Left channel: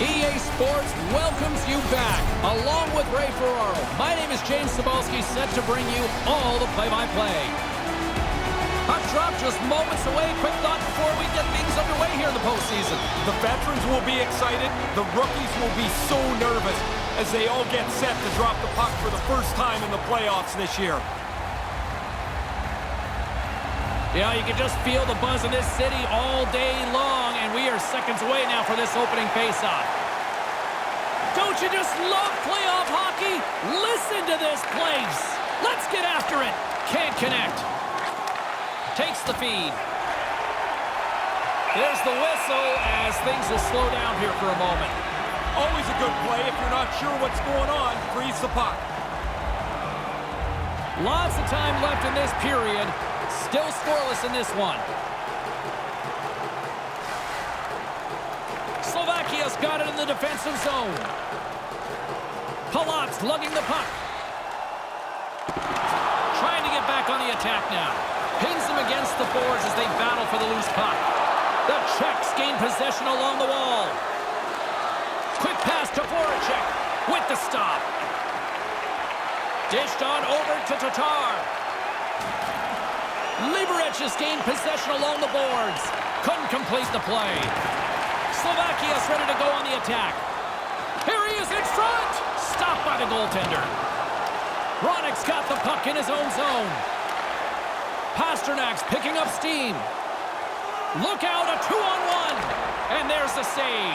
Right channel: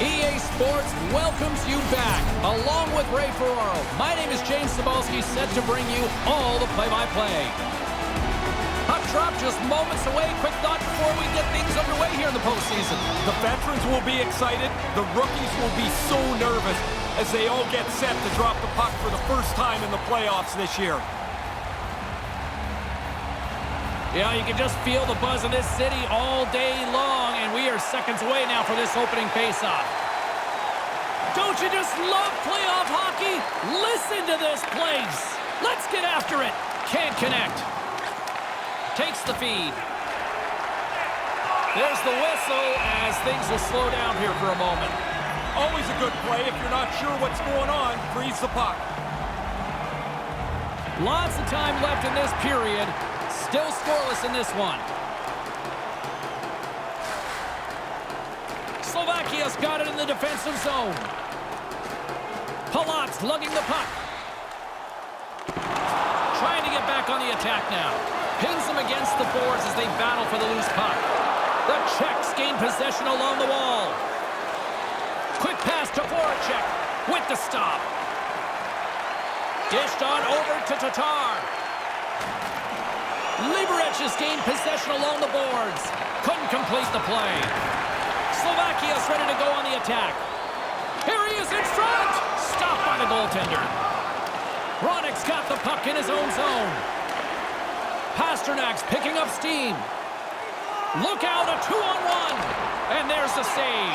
EA Sports welcomes you back, along with Ray Ferraro. My name is James Cebulski, set to bring you all the play-by-play. Puck drop just moments away. Quick thought before we get things underway here in the postseason. The veterans will be excited. The rookies will be so nervous as they all get set to drop the puck for the first time in the playoffs this year. Yeah, you can just feel the buzz in this city all day long, and we are seconds away now for this opening faceoff. Don't you just love playoff hockey? Listen to this place. Let's get after it. Can't connect. Takes the feed. There's the whistle as things will slow down here for a moment. Always a good play if you're not sure what's going on. Freeze the puck. Lots of time left in this period. Still scoreless in this one. Slovakia's got it in the defensive zone. Palat's lugging the puck. Trying to get back on the attack now. Pins them against the boards as they battle for the loose puck. The Czechs gain possession along the wall. Quick pass to Voracek with the stop. Dished on over to Tatar. Liberec has gained possession along the boards. Couldn't complete the play. Slovakia's ready to go on the attack. Here he is in front. Stopped by the goaltender. Hronek's got the puck in his own zone. Pasternak's picking up steam. Look out, a 2-on-1. And there's the save.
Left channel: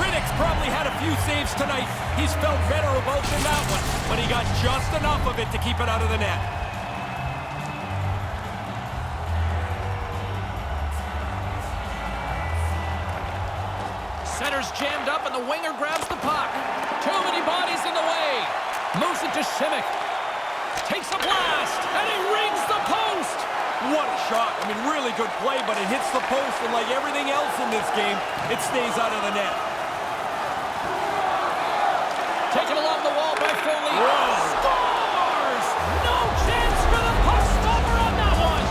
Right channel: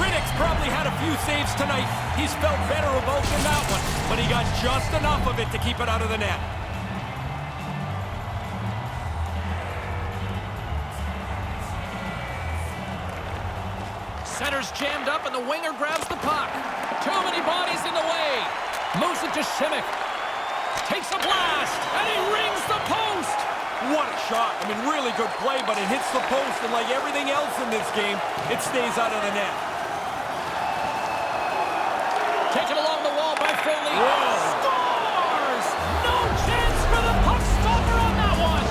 Riddick's probably had a few saves tonight. He's felt better about than that one, but he got just enough of it to keep it out of the net. Center's jammed up and the winger grabs the puck. Too many bodies in the way. Moves it to Simic. Takes a blast and he rings the post. What a shot. I mean, really good play, but it hits the post, and like everything else in this game, it stays out of the net. Taken along the wall by Foley. Whoa. Scores! No chance for the puck stopper on that one.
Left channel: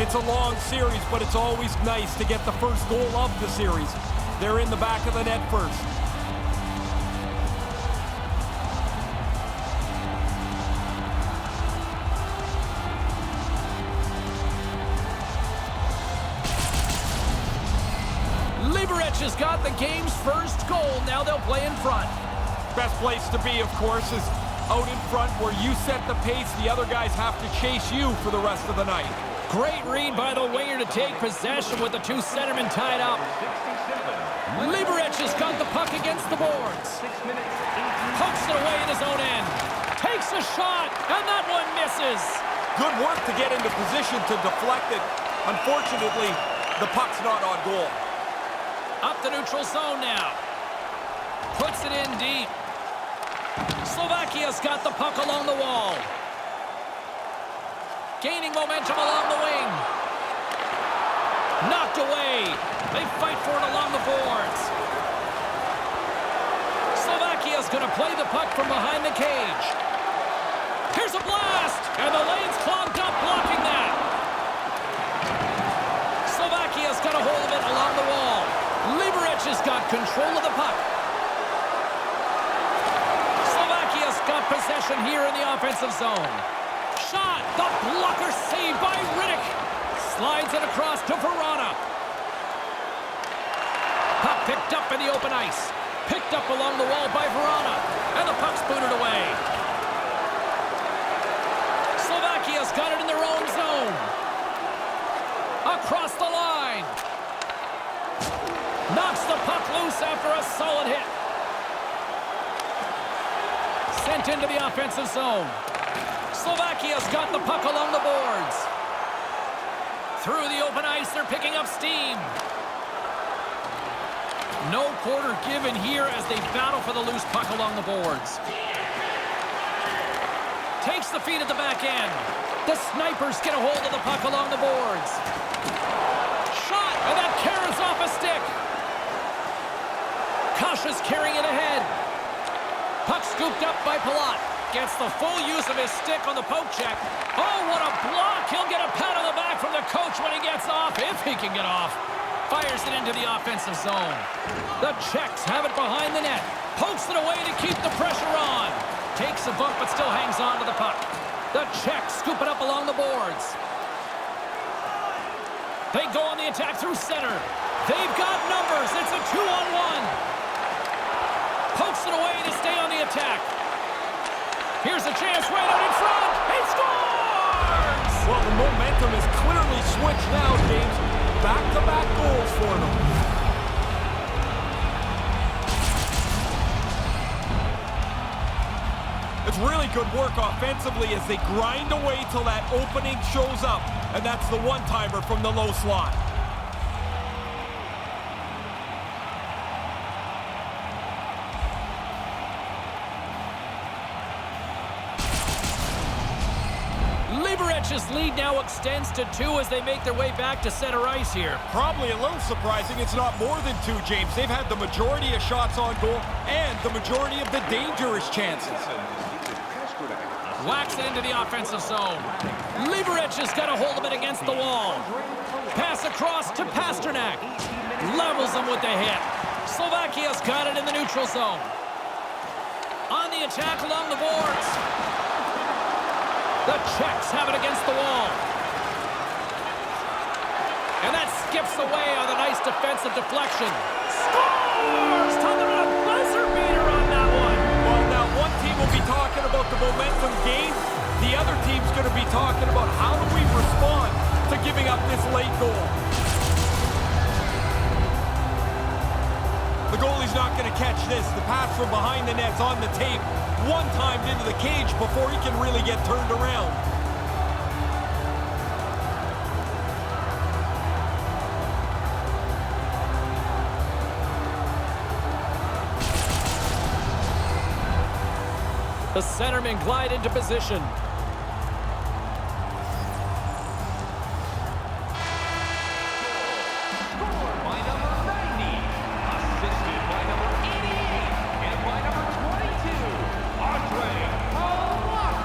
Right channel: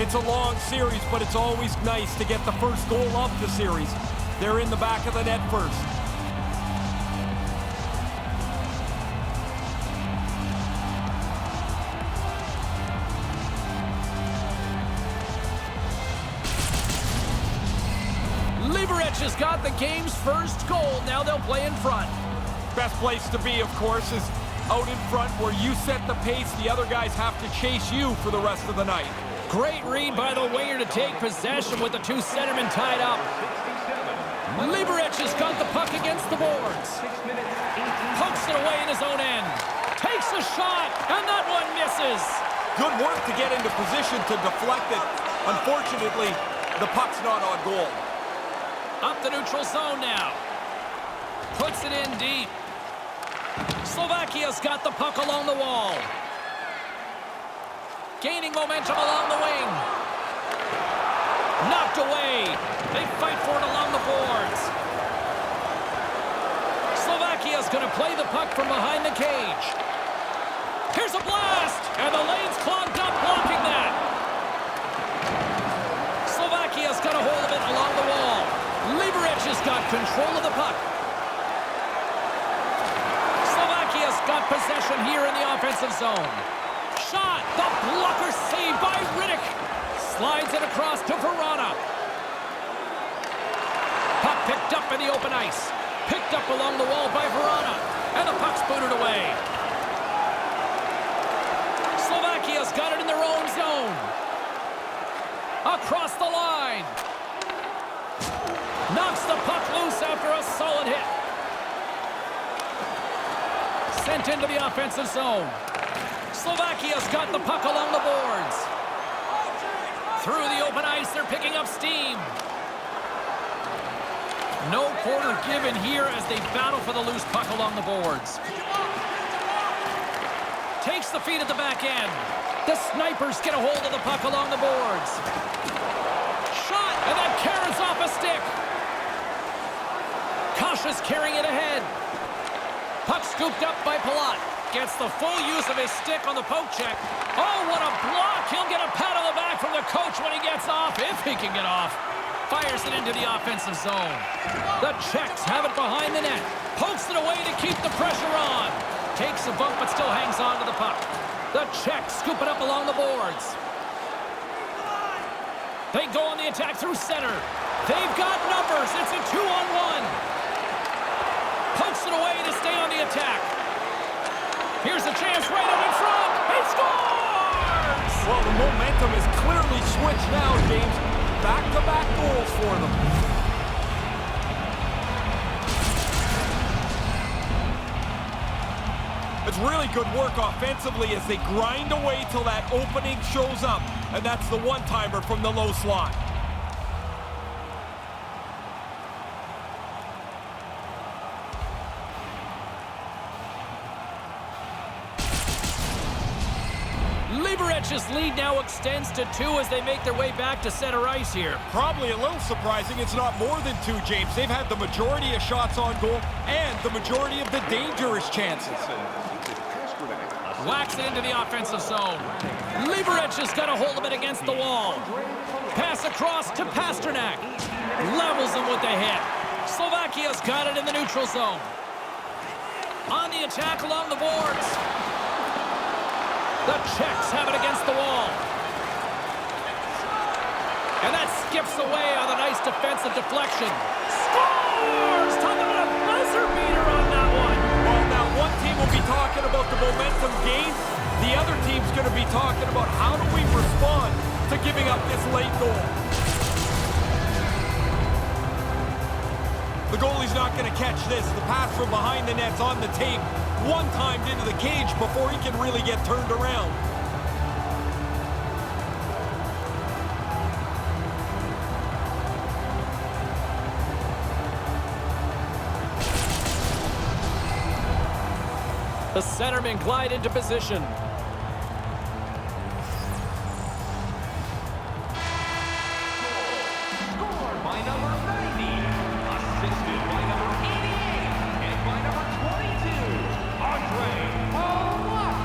It's a long series, but it's always nice to get the first goal of the series. They're in the back of the net first. Liberec has got the game's first goal. Now they'll play in front. Best place to be, of course, is out in front where you set the pace. The other guys have to chase you for the rest of the night. Great read by the winger to take possession with the two centermen tied up. Liberec has got the puck against the boards. Pokes it away in his own end. Takes a shot, and that one misses. Good work to get into position to deflect it. Unfortunately, the puck's not on goal. Up the neutral zone now. Puts it in deep. Slovakia's got the puck along the wall. Gaining momentum along the wing. Knocked away. They fight for it along the boards. Slovakia's going to play the puck from behind the cage. Here's a blast, and the lane's clogged up, blocking that. Slovakia's got a hold of it along the wall. Liberec has got control of the puck. Slovakia's got possession here in the offensive zone. Shot, the blocker saved by Riddick. Slides it across to Verana. Puck picked up in the open ice. Picked up along the wall by Verana. And the puck's booted away. Slovakia's got it in their own zone. Across the line. Knocks the puck loose after a solid hit. Sent into the offensive zone. Slovakia's got the puck along the boards. Through the open ice, they're picking up steam. No quarter given here as they battle for the loose puck along the boards. Takes the feed at the back end. The snipers get a hold of the puck along the boards. Shot, and that carries off a stick. Cautious carrying it ahead. Puck scooped up by Palat. Gets the full use of his stick on the poke check. Oh, what a block. He'll get a pat on the back from the coach when he gets off, if he can get off. Fires it into the offensive zone. The Czechs have it behind the net. Pokes it away to keep the pressure on. Takes a bump but still hangs on to the puck. The Czechs scoop it up along the boards. They go on the attack through center. They've got numbers. It's a 2-on-1. Pokes it away to stay on the attack. Here's a chance right out in front. He scores! Well, the momentum is clearly switched now, James. Back-to-back goals for them. It's really good work offensively as they grind away till that opening shows up. And that's the one-timer from the low slot. Liberec's lead now extends to 2 as they make their way back to center ice here. Probably a little surprising it's not more than 2, James. They've had the majority of shots on goal and the majority of the dangerous chances. Whacks it into the offensive zone. Liberec has got a hold of it against the wall. Pass across to Pasternak. Levels him with the hit. Slovakia's got it in the neutral zone. On the attack along the boards. The Czechs have it against the wall. And that skips away on a nice defensive deflection. Scores! Talking about a buzzer beater on that one. Well, now one team will be talking about the momentum gain. The other team's going to be talking about how do we respond to giving up this late goal. The goalie's not going to catch this. The pass from behind the net's on the tape. One timed into the cage before he can really get turned around. The centermen glide into position. Scored by number 90, assisted by number 88, and by number 22, Andre Palat.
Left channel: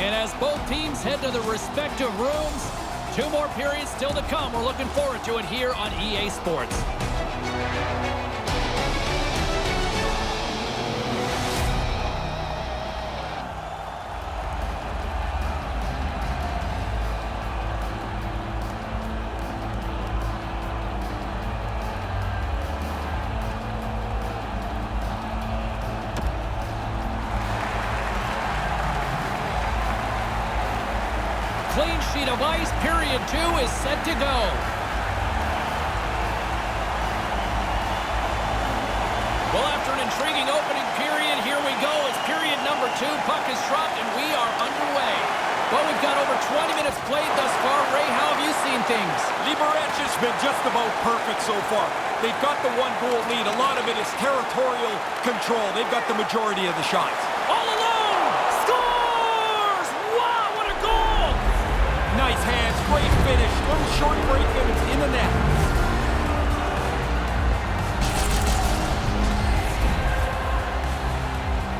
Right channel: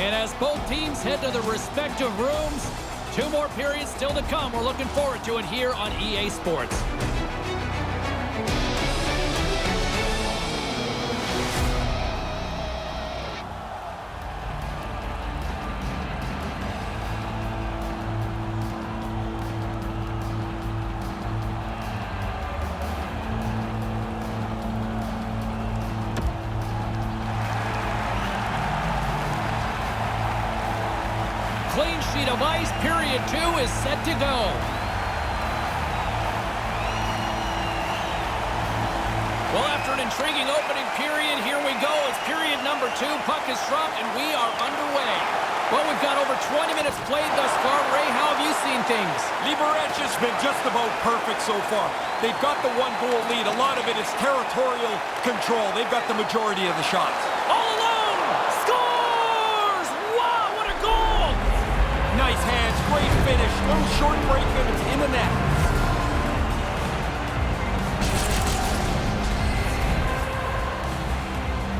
And as both teams head to their respective rooms, 2 more periods still to come. We're looking forward to it here on EA Sports. Clean sheet of ice, period 2 is set to go. Well, after an intriguing opening period, here we go. It's period number 2. Puck is dropped, and we are underway. Well, we've got over 20 minutes played thus far. Ray, how have you seen things? Liberec has been just about perfect so far. They've got the 1-goal lead. A lot of it is territorial control. They've got the majority of the shots. All alone! Scores! Wow, what a goal! Nice hands, great finish. Little short break and it's in the net.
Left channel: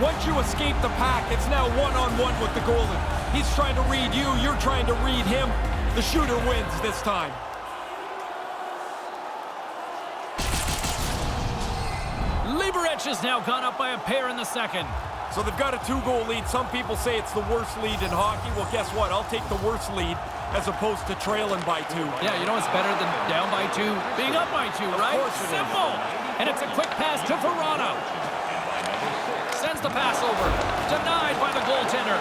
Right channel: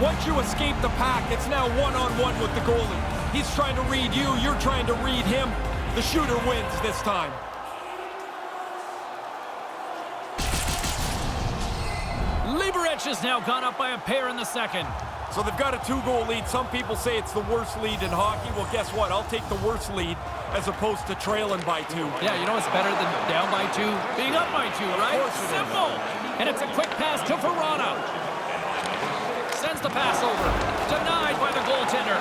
Once you escape the pack, it's now one-on-one with the goalie. He's trying to read you, you're trying to read him. The shooter wins this time. Liberec has now gone up by a pair in the second. So they've got a 2-goal lead. Some people say it's the worst lead in hockey. Well, guess what? I'll take the worst lead as opposed to trailing by 2. Yeah, you know it's better than down by 2, being up by 2, right? Of course it is. Simple. And it's a quick pass to Verano. Sends the pass over. Denied by the goaltender.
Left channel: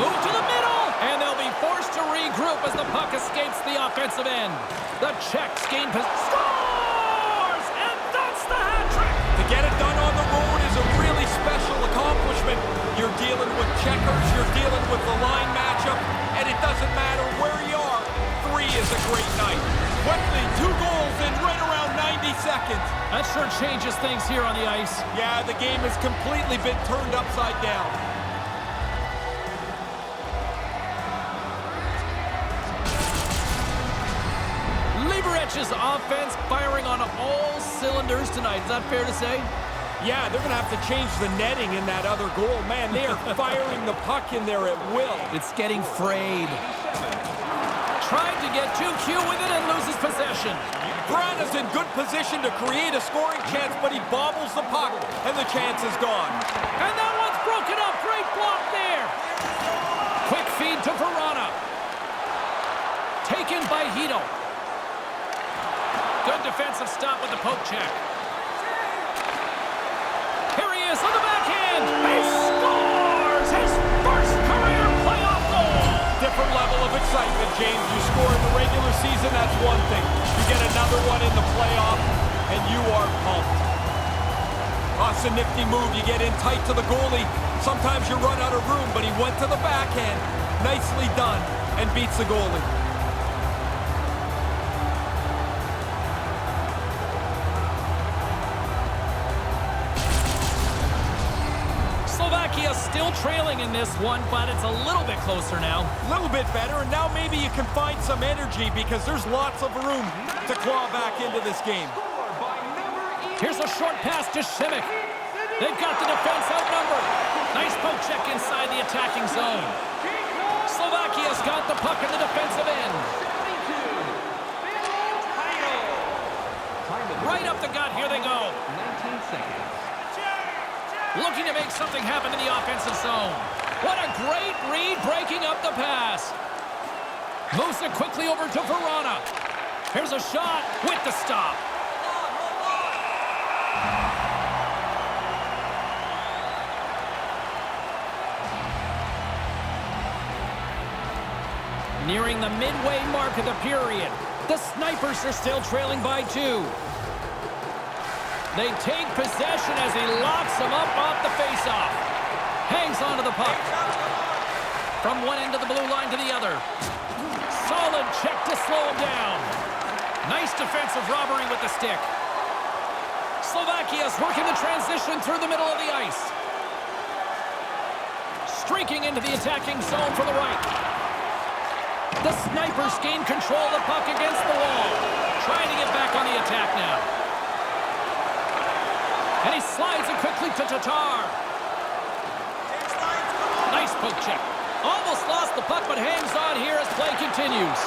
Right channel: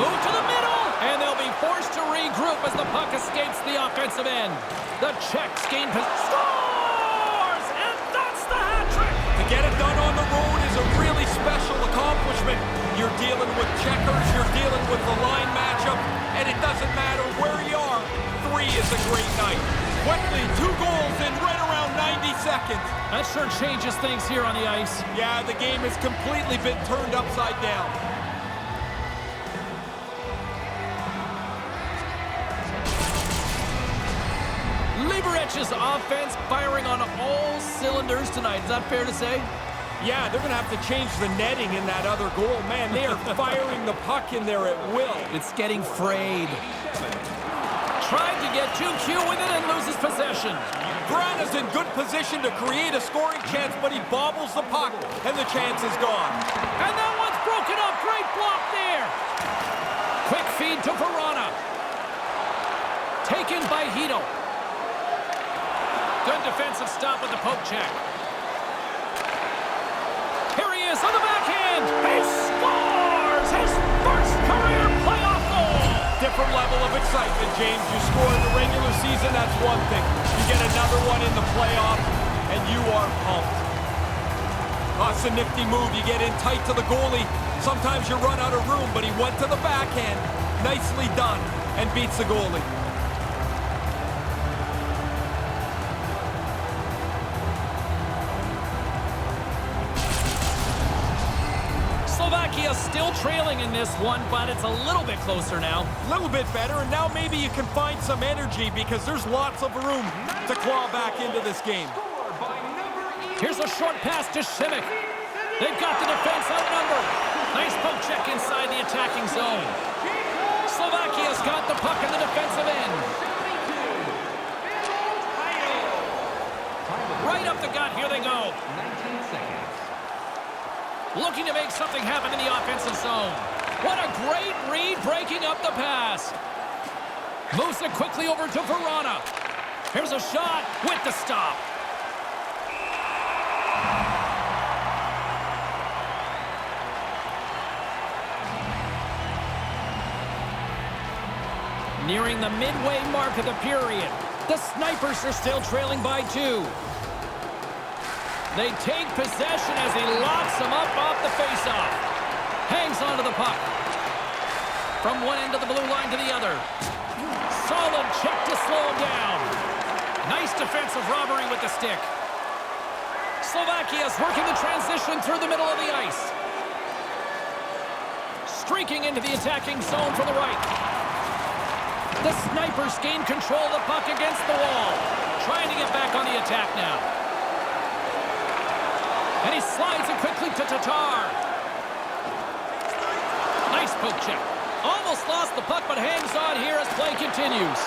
Move to the middle. And they'll be forced to regroup as the puck escapes the offensive end. The Czechs gain possession. Scores! And that's the hat trick! To get it done on the road is a really special accomplishment. You're dealing with checkers, you're dealing with the line matchup, and it doesn't matter where you are. 3 is a great night. Quickly, 2 goals in right around 90 seconds. That sure changes things here on the ice. Yeah, the game has completely been turned upside down. Liberec's offense firing on all cylinders tonight. Is that fair to say? Yeah, they're going to have to change the netting in that other goal. Man, they are firing the puck in there at will. It's getting frayed. Tried to get too cute with it and loses possession. Grana's in good position to create a scoring chance, but he bobbles the puck, and the chance is gone. And that one's broken up. Great block there. Quick feed to Verona. Taken by Hito. Good defensive stop with the poke check. Here he is on the backhand. He scores his first career playoff goal. Different level of excitement, James. You score in the regular season, that's one thing. You get another one in the playoff, and you are pumped. Oh, it's a nifty move. You get in tight to the goalie. Sometimes you run out of room, but he went to the backhand. Nicely done, and beats the goalie. Slovakia still trailing in this one, but it's a little bit closer now. A little bit better, and now maybe you can find some energy because there's lots of room to claw back into this game. Here's a short pass to Šimić. They've got the defense outnumbered. Nice poke check inside the attacking zone. Slovakia's got the puck in the defensive end. Right up the gut, here they go. 19 seconds. Looking to make something happen in the offensive zone. What a great read, breaking up the pass. Moves it quickly over to Verona. Here's a shot with the stop. Nearing the midway mark of the period. The Snipers are still trailing by 2. They take possession as he locks them up off the faceoff. Hangs onto the puck. From one end of the blue line to the other. Solid check to slow him down. Nice defensive robbery with the stick. Slovakia's working the transition through the middle of the ice. Streaking into the attacking zone from the right. The Snipers gain control of the puck against the wall. Trying to get back on the attack now. And he slides it quickly to Tatar. Nice poke check. Almost lost the puck, but hangs on here as play continues.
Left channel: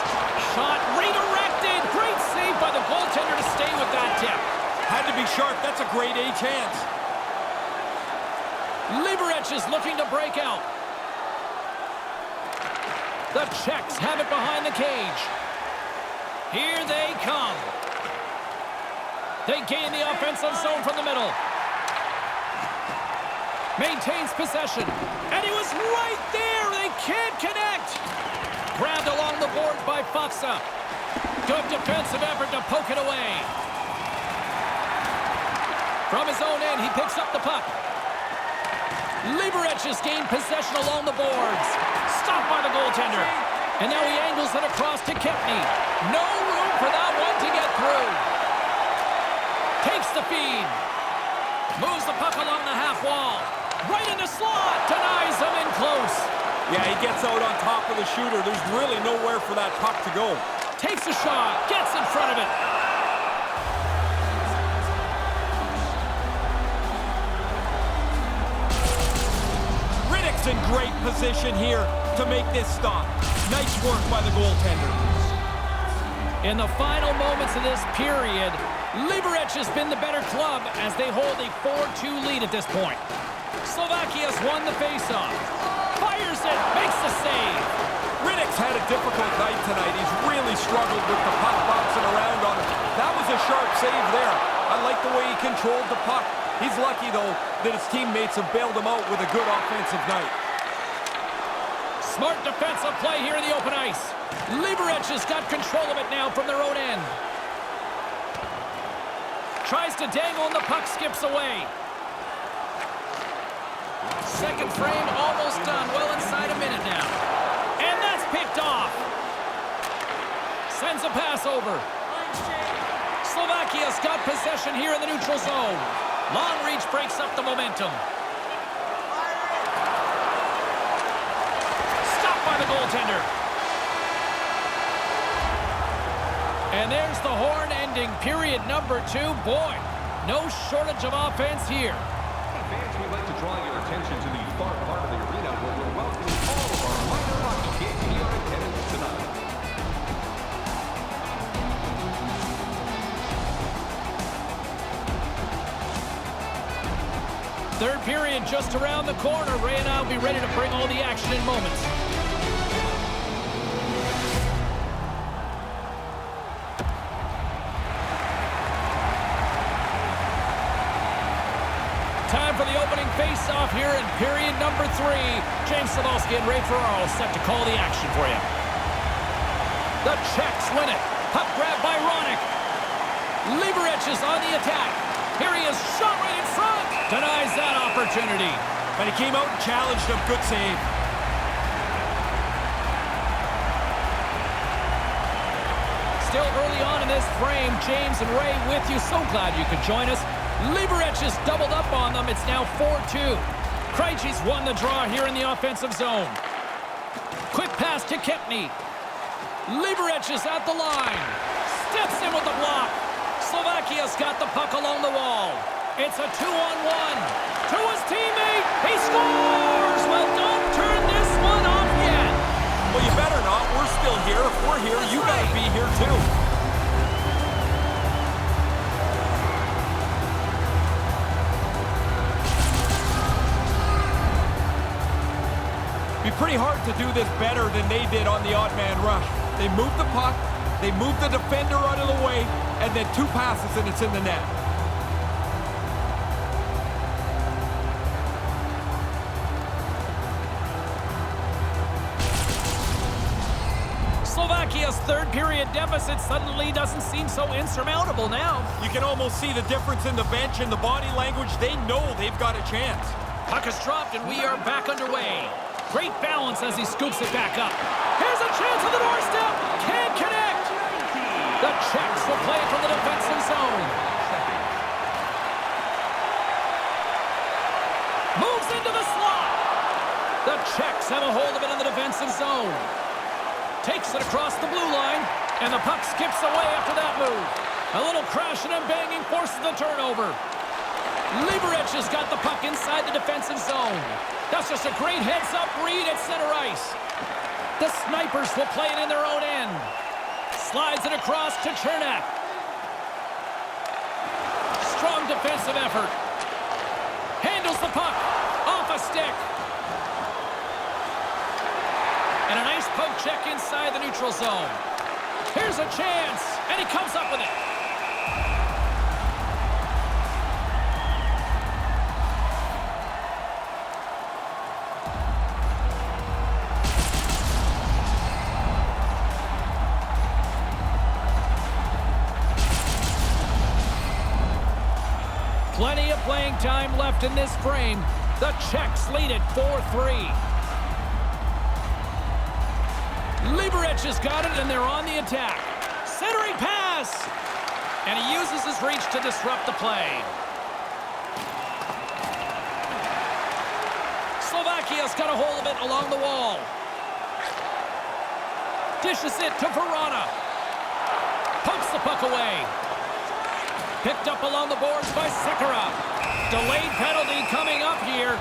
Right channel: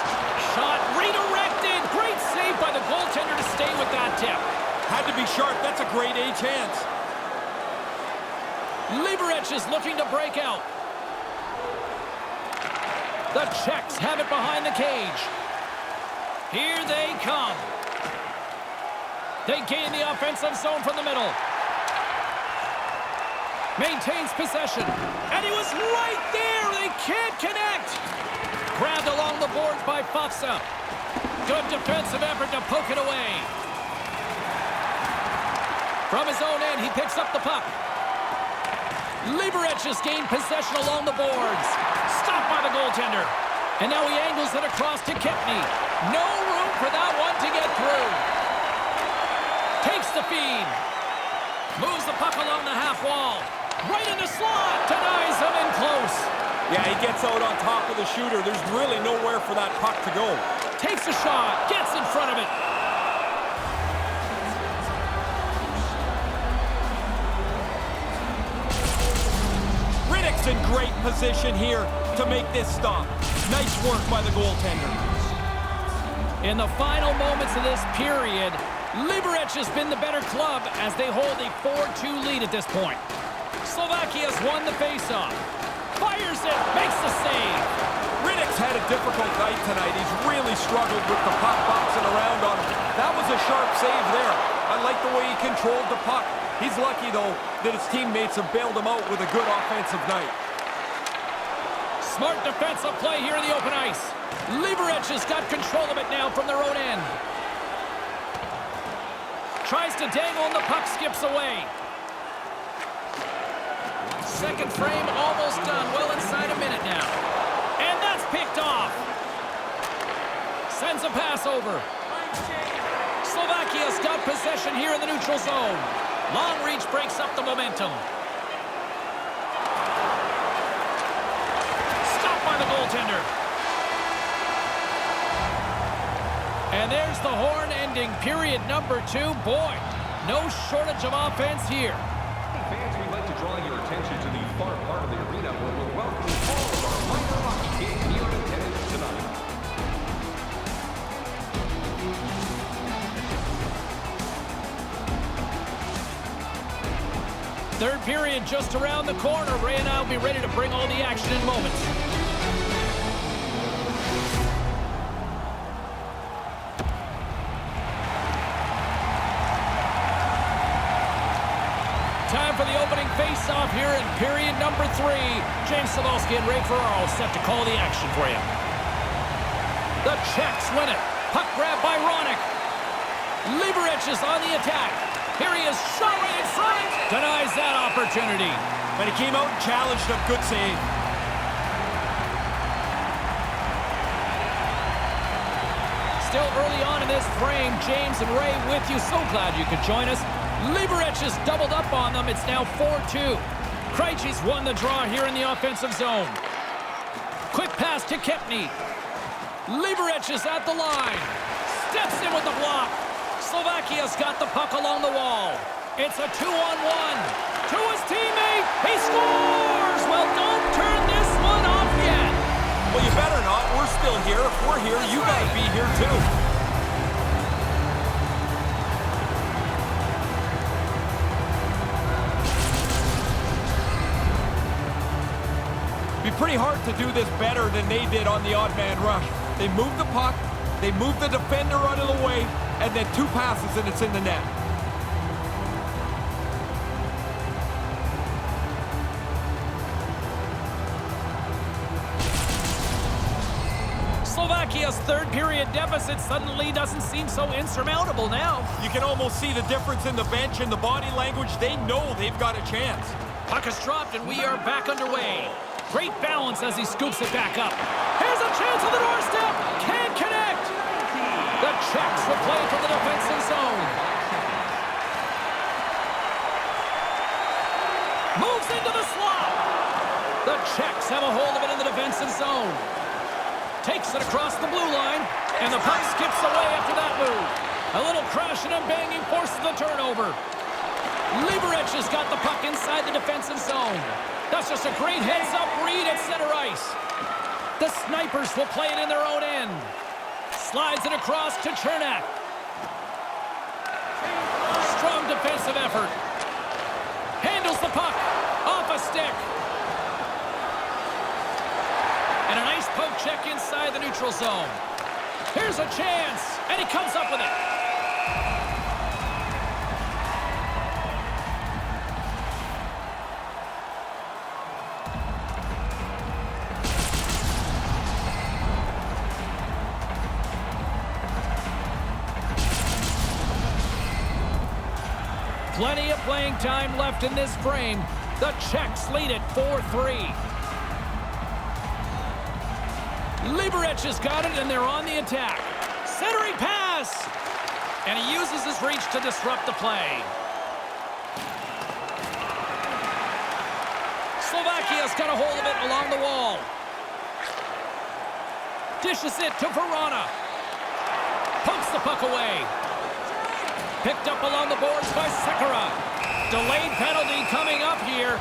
Shot redirected. Great save by the goaltender to stay with that tip. Had to be sharp. That's a grade A chance. Liberec is looking to break out. The Czechs have it behind the cage. Here they come. They gain the offensive zone from the middle. Maintains possession. And he was right there. They can't connect. Grabbed along the boards by Faksa. Good defensive effort to poke it away. From his own end, he picks up the puck. Liberec has gained possession along the boards. Stopped by the goaltender. And now he angles it across to Kempny. No room for that one to get through. Takes the feed. Moves the puck along the half wall. Right in the slot. Denies him in close. Yeah, he gets out on top of the shooter. There's really nowhere for that puck to go. Takes a shot. Gets in front of it. Riddick's in great position here to make this stop. Nice work by the goaltender. In the final moments of this period, Liberec has been the better club as they hold a 4-2 lead at this point. Slovakia's won the faceoff. Fires it, makes the save. Riddick's had a difficult night tonight. He's really struggled with the puck bouncing around on him. That was a sharp save there. I like the way he controlled the puck. He's lucky, though, that his teammates have bailed him out with a good offensive night. Smart defensive play here in the open ice. Liberec has got control of it now from their own end. Tries to dangle and the puck skips away. Second frame almost done. Well inside a minute now. And that's picked off. Sends a pass over. Slovakia's got possession here in the neutral zone. Long reach breaks up the momentum. Stopped by the goaltender. And there's the horn ending period number 2. Boy, no shortage of offense here. Hey fans, we'd like to draw your attention to the far part of the arena where we're welcoming all of our minor hockey kids here in attendance tonight. Third period just around the corner. Ray and I will be ready to bring all the action in moments. Time for the opening face-off here in period number 3. James Cybulski and Ray Ferraro set to call the action for you. The Czechs win it. Puck grab by Ronick. Liberec is on the attack. Here he is, shot right in front. Denies that opportunity. But he came out and challenged him. Good save. Still early on in this frame, James and Ray with you. So glad you could join us. Liberec has doubled up on them. It's now 4-2. Krejci's won the draw here in the offensive zone. Quick pass to Kempny. Liberec is at the line. Steps in with the block. Slovakia's got the puck along the wall. It's a 2-on-1. To his teammate. He scores! Well, don't turn this one off yet. Well, you better not. We're still here. If we're here, you gotta be here too. Be pretty hard to do this better than they did on the odd man rush. They moved the puck, they moved the defender out of the way, and then 2 passes and it's in the net. Slovakia's third period deficit suddenly doesn't seem so insurmountable now. You can almost see the difference in the bench and the body language. They know they've got a chance. Puck is dropped and we are back underway. Great balance as he scoops it back up. Here's a chance on the doorstep. Can't connect. The Czechs will play it from the defensive zone. Moves into the slot. The Czechs have a hold of it in the defensive zone. Takes it across the blue line, and the puck skips away after that move. A little crashing and banging forces the turnover. Liberec has got the puck inside the defensive zone. That's just a great heads-up read at center ice. The Snipers will play it in their own end. Slides it across to Chernak. Strong defensive effort. Handles the puck. Off a stick. And a nice poke check inside the neutral zone. Here's a chance. And he comes up with it. Plenty of playing time left in this frame. The Czechs lead it 4-3. Liberec has got it, and they're on the attack. Centering pass! And he uses his reach to disrupt the play. Slovakia's got a hold of it along the wall. Dishes it to Verona. Pumps the puck away. Picked up along the boards by Sekera. Delayed penalty coming up here.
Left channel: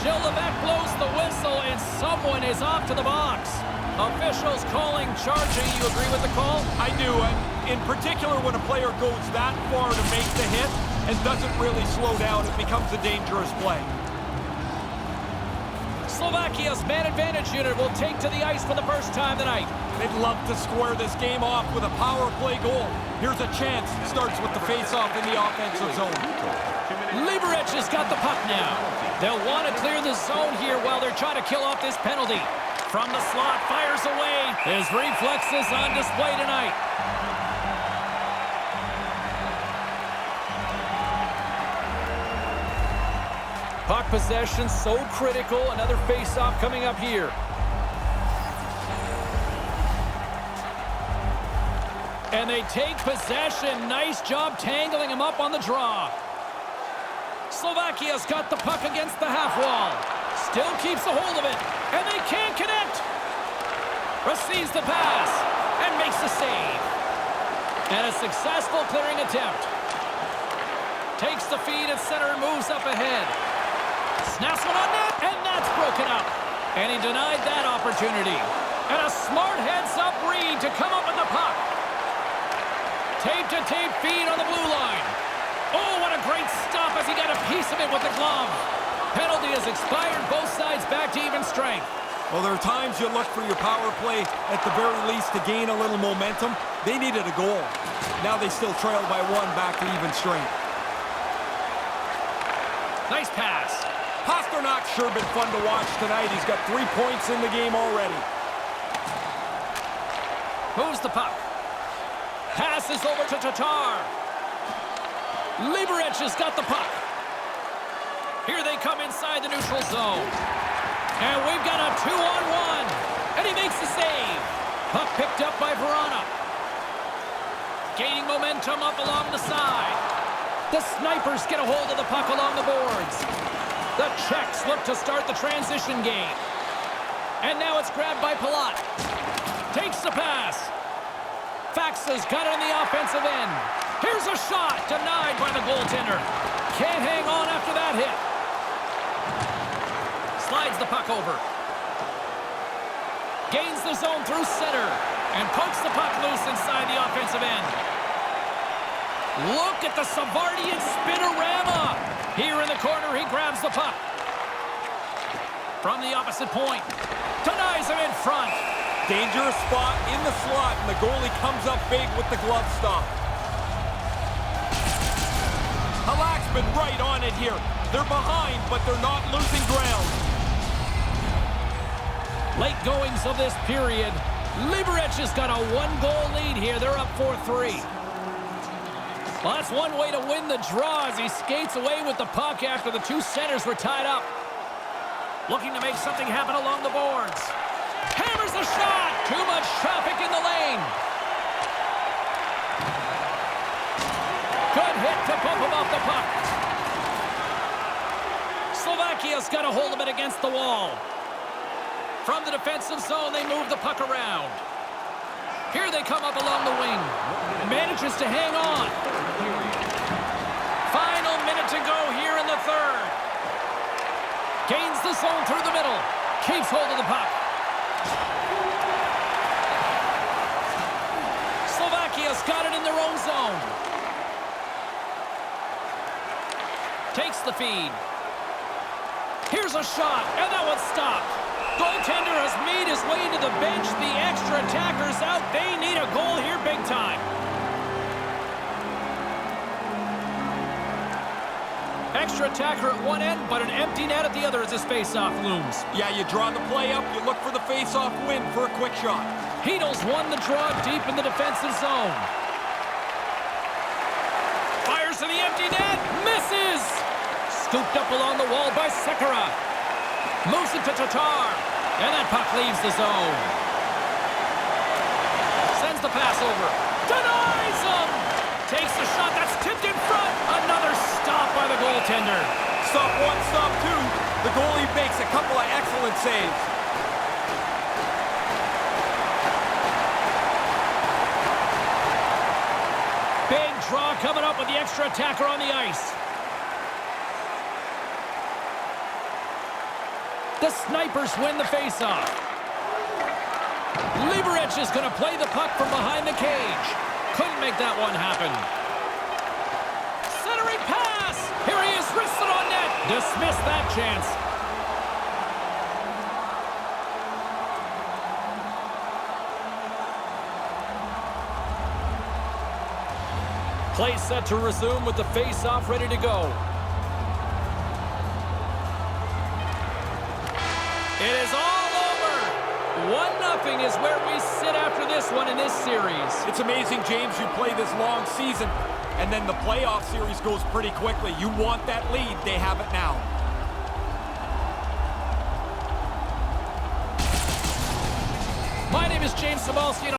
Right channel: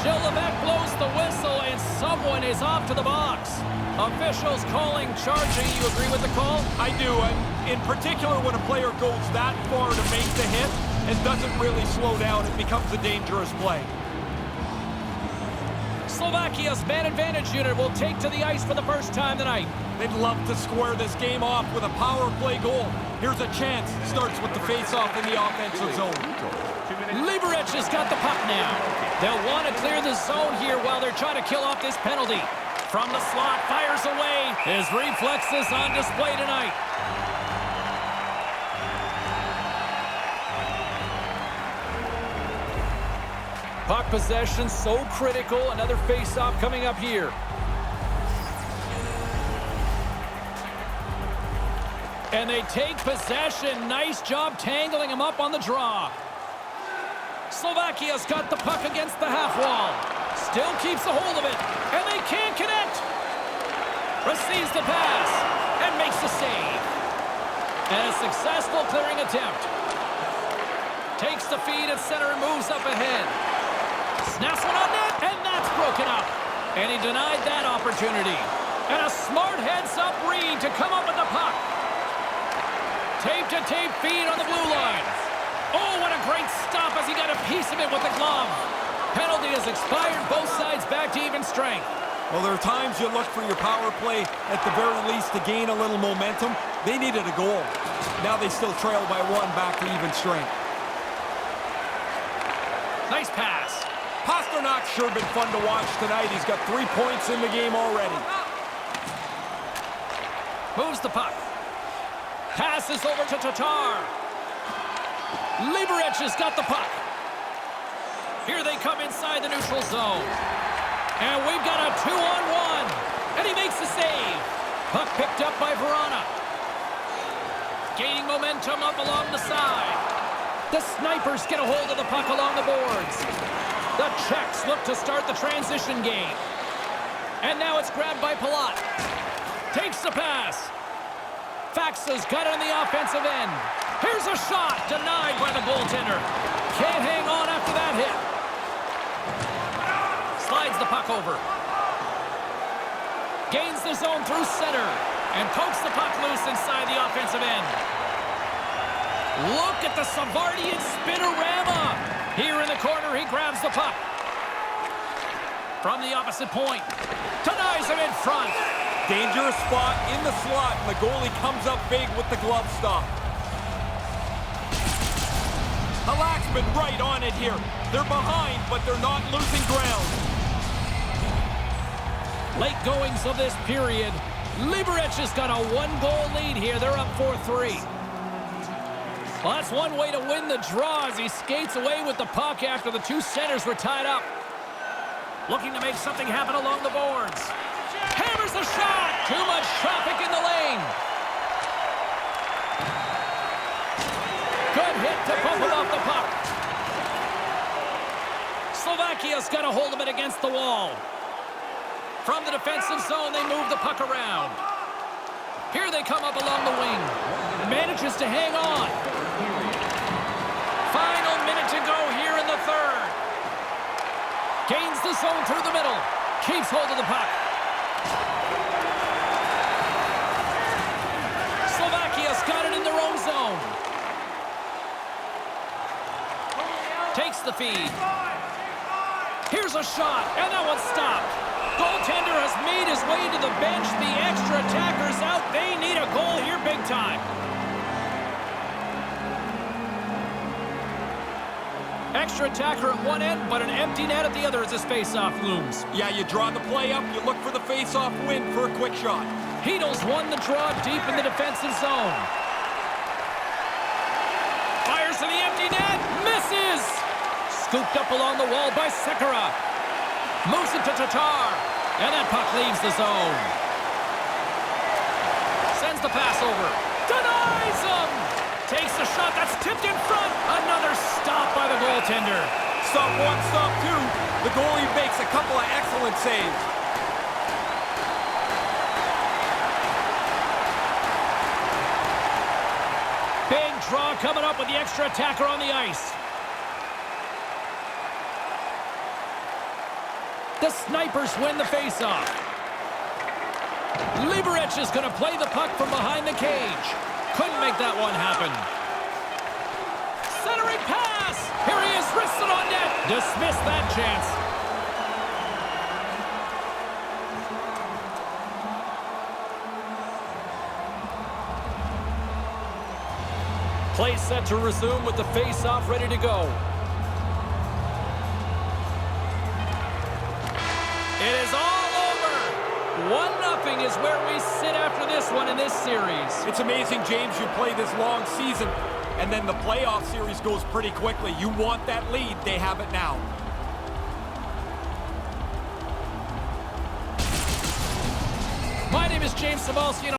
Gilevec blows the whistle, and someone is off to the box. Officials calling charging. You agree with the call? I do, and in particular when a player goes that far to make the hit and doesn't really slow down, it becomes a dangerous play. Slovakia's man advantage unit will take to the ice for the first time tonight. They'd love to square this game off with a power play goal. Here's a chance. Starts with the face-off in the offensive zone. Liberec has got the puck now. They'll want to clear the zone here while they're trying to kill off this penalty. From the slot, fires away. His reflexes on display tonight. Puck possession so critical. Another face-off coming up here. And they take possession. Nice job tangling him up on the draw. Slovakia's got the puck against the half wall. Still keeps a hold of it. And they can't connect. Receives the pass and makes the save. And a successful clearing attempt. Takes the feed at center and moves up ahead. Snaps one on net, and that's broken up. And he denied that opportunity. And a smart heads-up read to come up with the puck. Tape-to-tape feed on the blue line. Oh, what a great stop as he got a piece of it with the glove. Penalty has expired, both sides back to even strength. Well, there are times you look for your power play at the very least to gain a little momentum. They needed a goal. Now they still trail by one back to even strength. Nice pass. Pasternak's sure been fun to watch tonight. He's got 3 points in the game already. Moves the puck. Passes over to Tatar. Liberec has got the puck. Here they come inside the neutral zone. And we've got a 2-on-1. And he makes the save. Puck picked up by Verona. Gaining momentum up along the side. The Snipers get a hold of the puck along the boards. The Czechs look to start the transition game. And now it's grabbed by Palat. Takes the pass. Faxa's got it on the offensive end. Here's a shot, denied by the goaltender. Can't hang on after that hit. Slides the puck over. Gains the zone through center. And pokes the puck loose inside the offensive end. Look at the Savardian spinorama. Here in the corner, he grabs the puck. From the opposite point. Denies him in front. Dangerous spot in the slot, and the goalie comes up big with the glove stop. Halak's been right on it here. They're behind, but they're not losing ground. Late goings of this period. Liberec has got a 1-goal lead here. They're up 4-3. Well, that's one way to win the draw as he skates away with the puck after the two centers were tied up. Looking to make something happen along the boards. Hammers the shot. Too much traffic in the lane. Good hit to bump him off the puck. Slovakia's got a hold of it against the wall. From the defensive zone, they move the puck around. Here they come up along the wing. Manages to hang on. Final minute to go here in the third. Gains the zone through the middle. Keeps hold of the puck. Slovakia's got it in their own zone. Takes the feed. Here's a shot, and that one's stopped. Goaltender has made his way to the bench. The extra attacker's out. They need a goal here big time. Extra attacker at one end, but an empty net at the other as this face-off looms. Yeah, you draw the play up, you look for the face-off win for a quick shot. Heedles won the draw deep in the defensive zone. Fires to the empty net. Misses. Scooped up along the wall by Sekera. Moves it to Tatar. And that puck leaves the zone. Sends the pass over. Denies him. Takes the shot. That's tipped in front. Another stop by the goaltender. Stop one, stop two. The goalie makes a couple of excellent saves. Big draw coming up with the extra attacker on the ice. The Snipers win the faceoff. Liberec is going to play the puck from behind the cage. Couldn't make that one happen. Centering pass. Here he is, wristed on net. Dismissed that chance. Play set to resume with the face-off ready to go. It is all over. 1-0 is where we sit after this one in this series. It's amazing, James, you play this long season, and then the playoff series goes pretty quickly. You want that lead, they have it now. My name is James Sabalski, and